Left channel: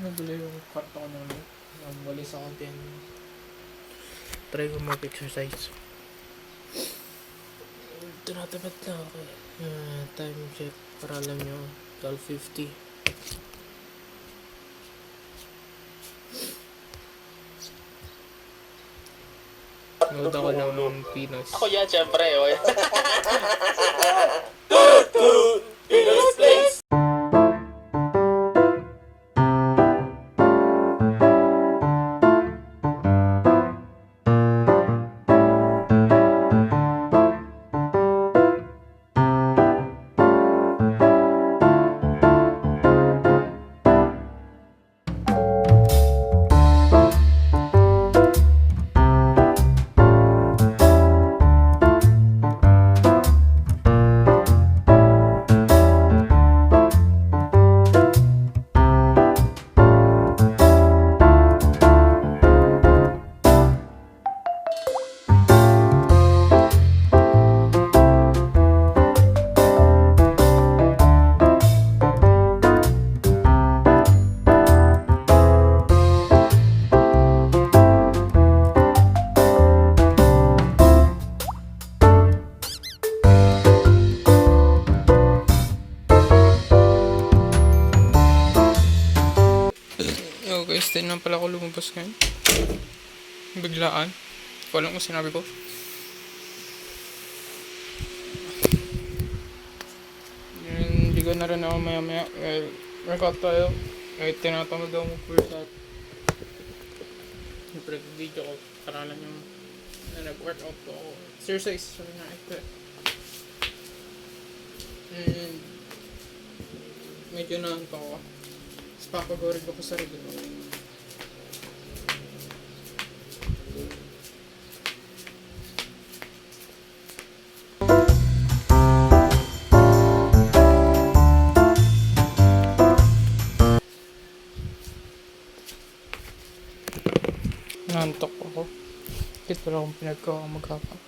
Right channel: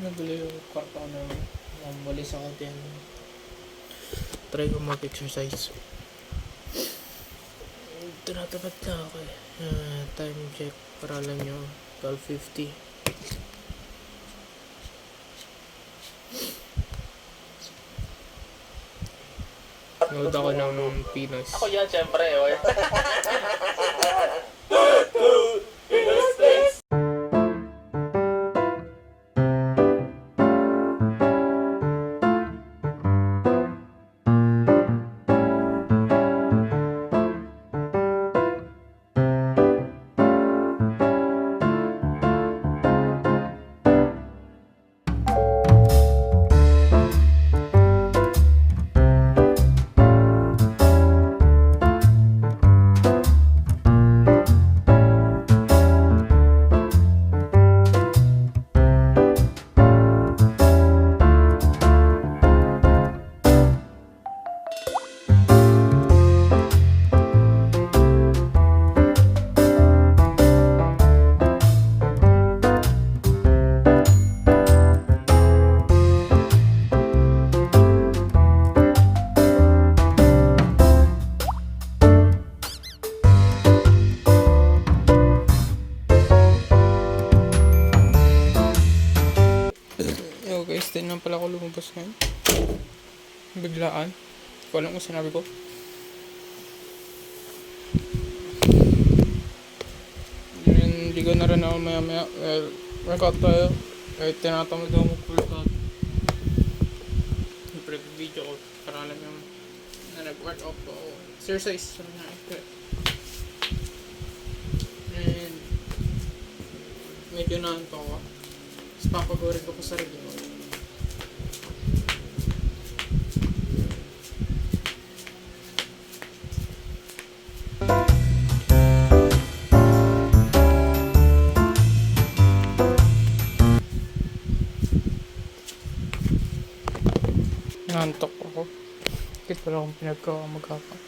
Nagulo yung kwarto ko na walis ako din. Try ko mag-exercise. Tinatapat na ako eh. Time check para alam nyo. 12:50. Nood ako ng Pinos. Ako yan, syempre. Yo guys, din lang pala ako lumabas ngayon. Biglaan. Hindi ko alam kung sinabi ko. Hindi ko na rin ako maya. Workout tayo. Kahit tinatamad ako mag-workout. Siyempre video ko para alam yung nag-workout po ako. Exercise. Sabi na ito. And medyo naanto ako. Tapos papagorin ko pa sarili ko. Nantok ako. Bakit wala akong pinagkawa maghapon?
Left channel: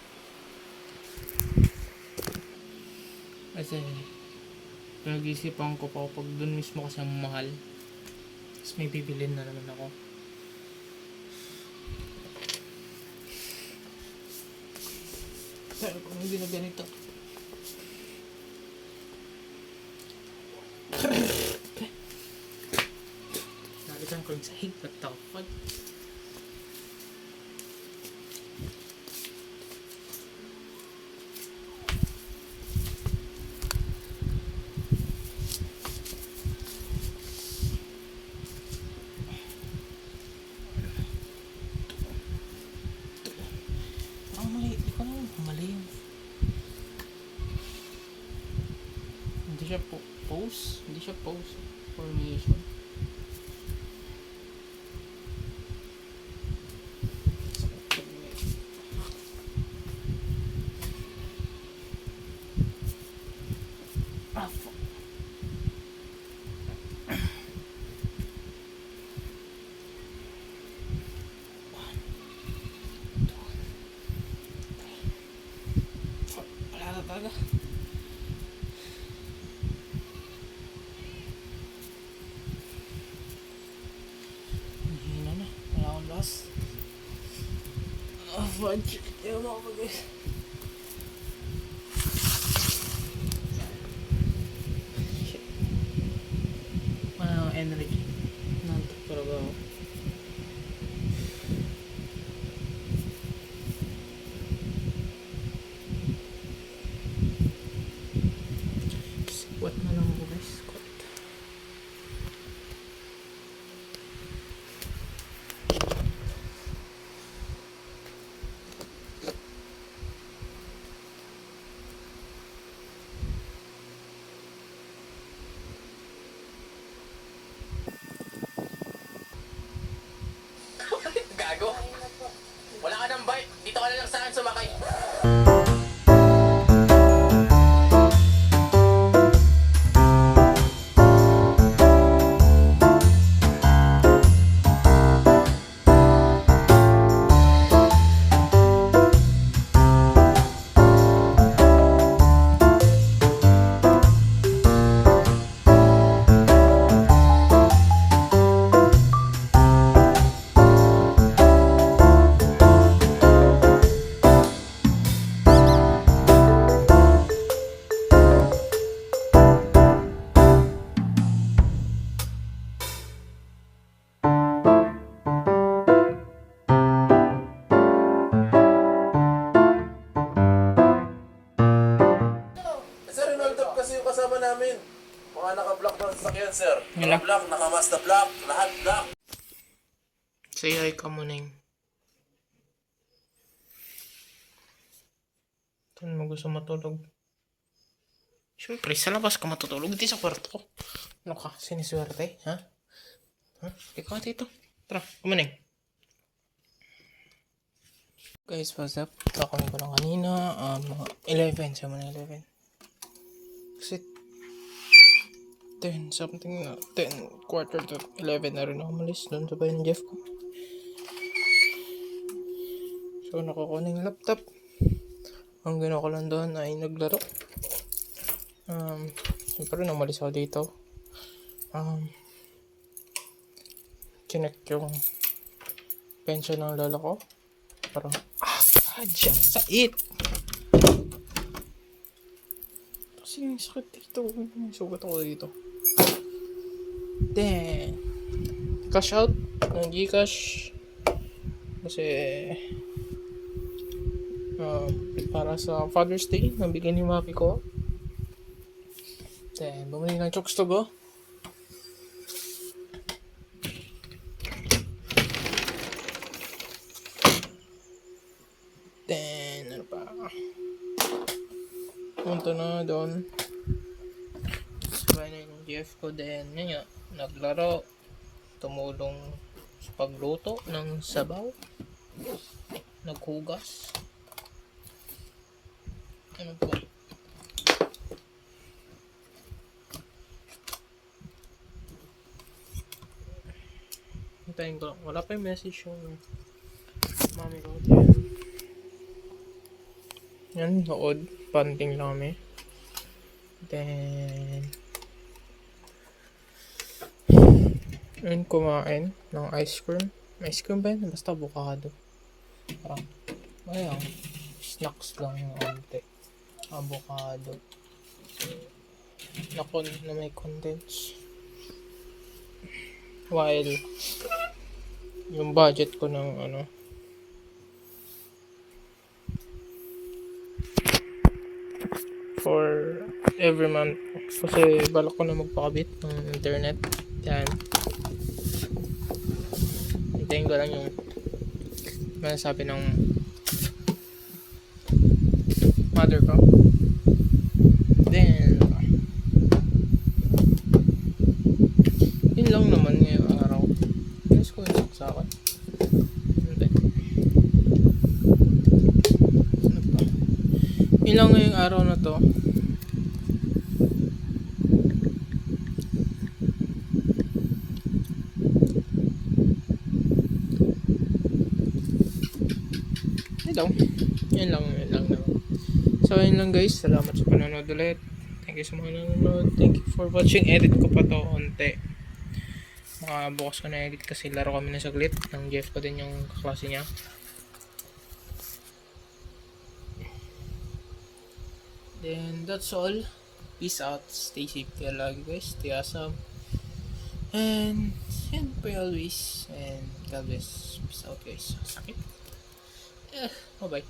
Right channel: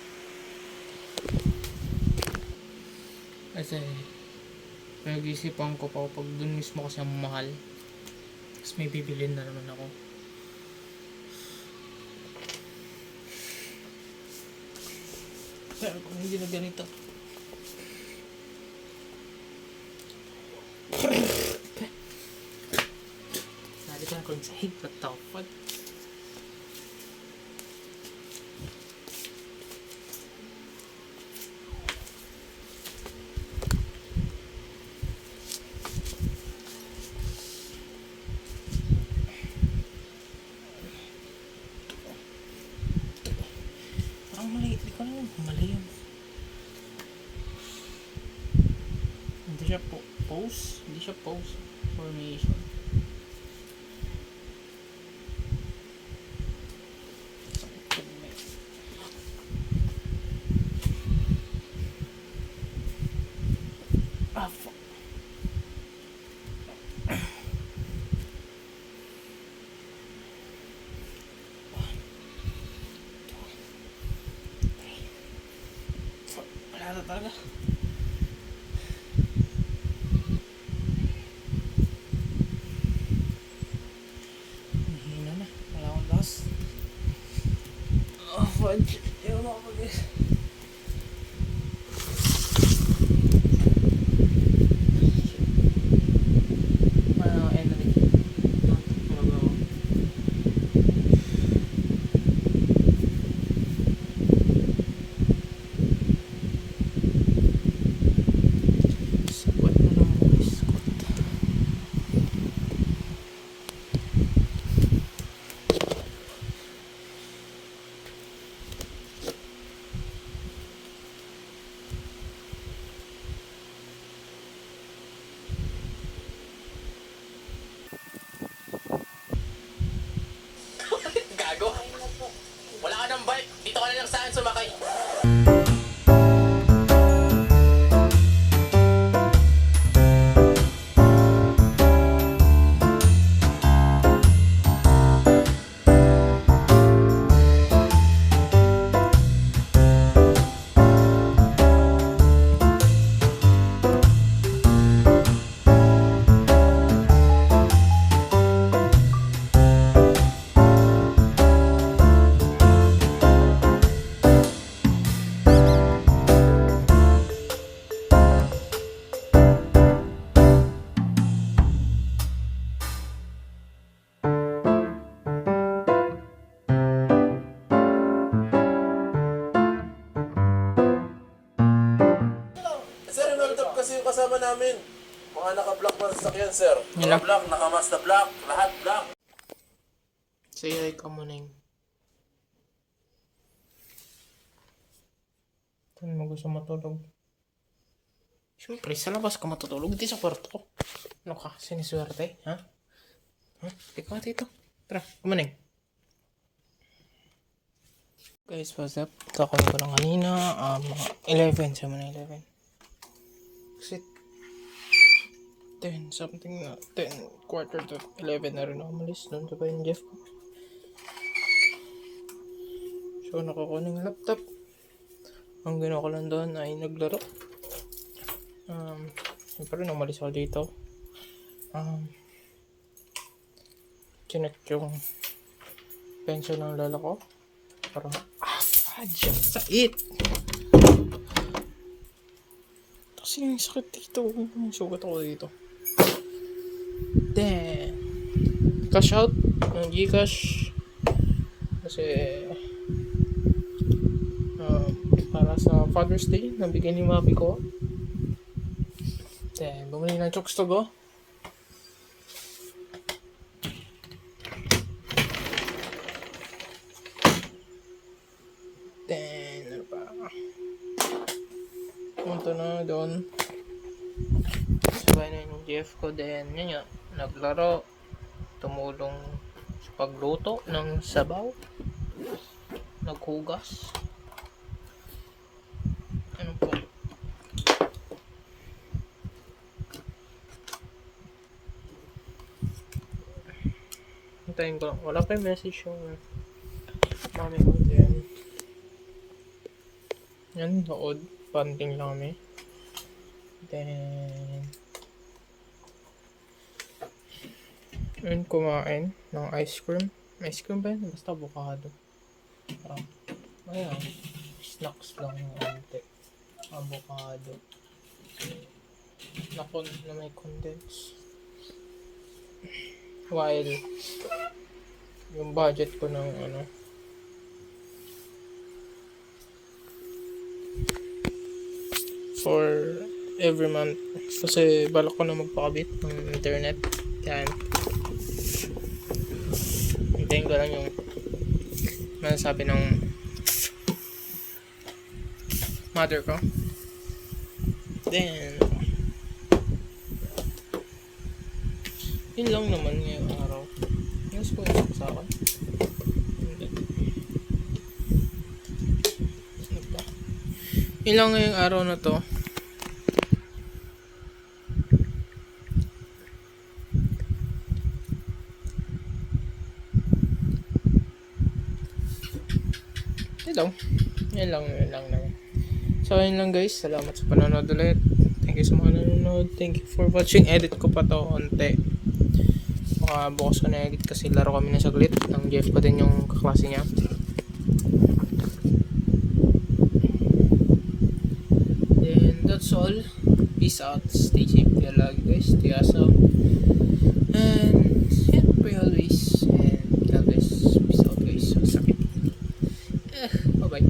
Kasi pinag-iisipan ko pa pag dun mismo kasi ang mahal. Tapos may bibilin na naman ako. Pero kung hindi na ganito. Nalitan ko yung sahig. What the fuck? Mali, di ko naman mali yun. Hindi siya pose, hindi siya pose formation. Ah, fuck. Wala na talaga. Hihina na. Wala akong gas. Oh, fudge. Ewan ako mag-guys. Shit. Wala akong energy. Nantok talaga ako. Squat na naman ako guys. Squat. Gago. Wala ka ng bike. Dito ka na lang saan sumakay. Mga naka-block na sasakyan, sir. Yan lang. Naka-block, naka-Mazda block, lahat block. Say hi ka muna yung. Saan mo gusto matulog? Siyempre, sa labas ka matutulog. Hindi sa kwarto ko. Ano ka? Siniswerte? Ha? Ha? Ikaw dito. Tara, kumaning. Guys, what's up? Kakawin ko lang kanina. Mga 11. Sa mga 11. Kasi 10 something na. 10, quarter to 11 na rin ako malis. Doon sa bayan Jeff ko. So, nakakuha ng laptop. Ang ginawa ko lang doon ay naglaro. Siyempre, umalis ako dito. Chinek yung pension ng lola ko. Parang, dyan sa it! Kasi yung sakit dito. Sugat ako dito. Then, cash out ng Gcash. Kasi, para sa Father's Day, nabigyan ni Mapi ko. Then, bumili ng chokes to go. Then, ano pa? Punta na doon. Sabay na yung GF ko. Then, yun nga, naglaro. Tumulong sa pagluto ng sabaw. Naghugas. Ano po? Hintayin ko lang. Wala pa yung message yung mami ko. Yan, nood. Panting lang kami. Then, yun, kumain ng ice cream. Ice cream ba yun? Basta avocado. Parang, ayan, snacks lang yung ante. Avocado. Na may condense. While, yung budget ko ng for every month. Kasi balak ko na magpakabit ng internet. Yan. Hintayin ko lang yung masasabi ng mother ko. Then, yun lang naman ngayong araw. Mas ko yun sa akin. Hindi. Ano pa? Yun lang ngayong araw na to. Yan lang naman. So, yun lang guys. Salamat sa panonood ulit. Thank you sa mga nanonood. Thank you for watching. Edit ko pa to onte. Baka bukas ko na edit kasi laro kami na saglit. Ng Jeff pa din yung kaklase niya. Then, that's all. Peace out. Stay safe. Stay lagi guys. Stay awesome. And, yeah, pray always. And, God bless. Peace out guys. Sakit. Bye-bye.